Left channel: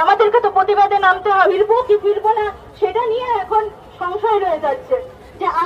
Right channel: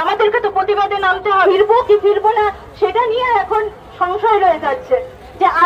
আমাদেরকে তো প্রতিবাদে নামতে হবে, ফিরবো কি ফিরবো না সেটা নিয়ে এখন সংশয় রয়ে যাচ্ছে।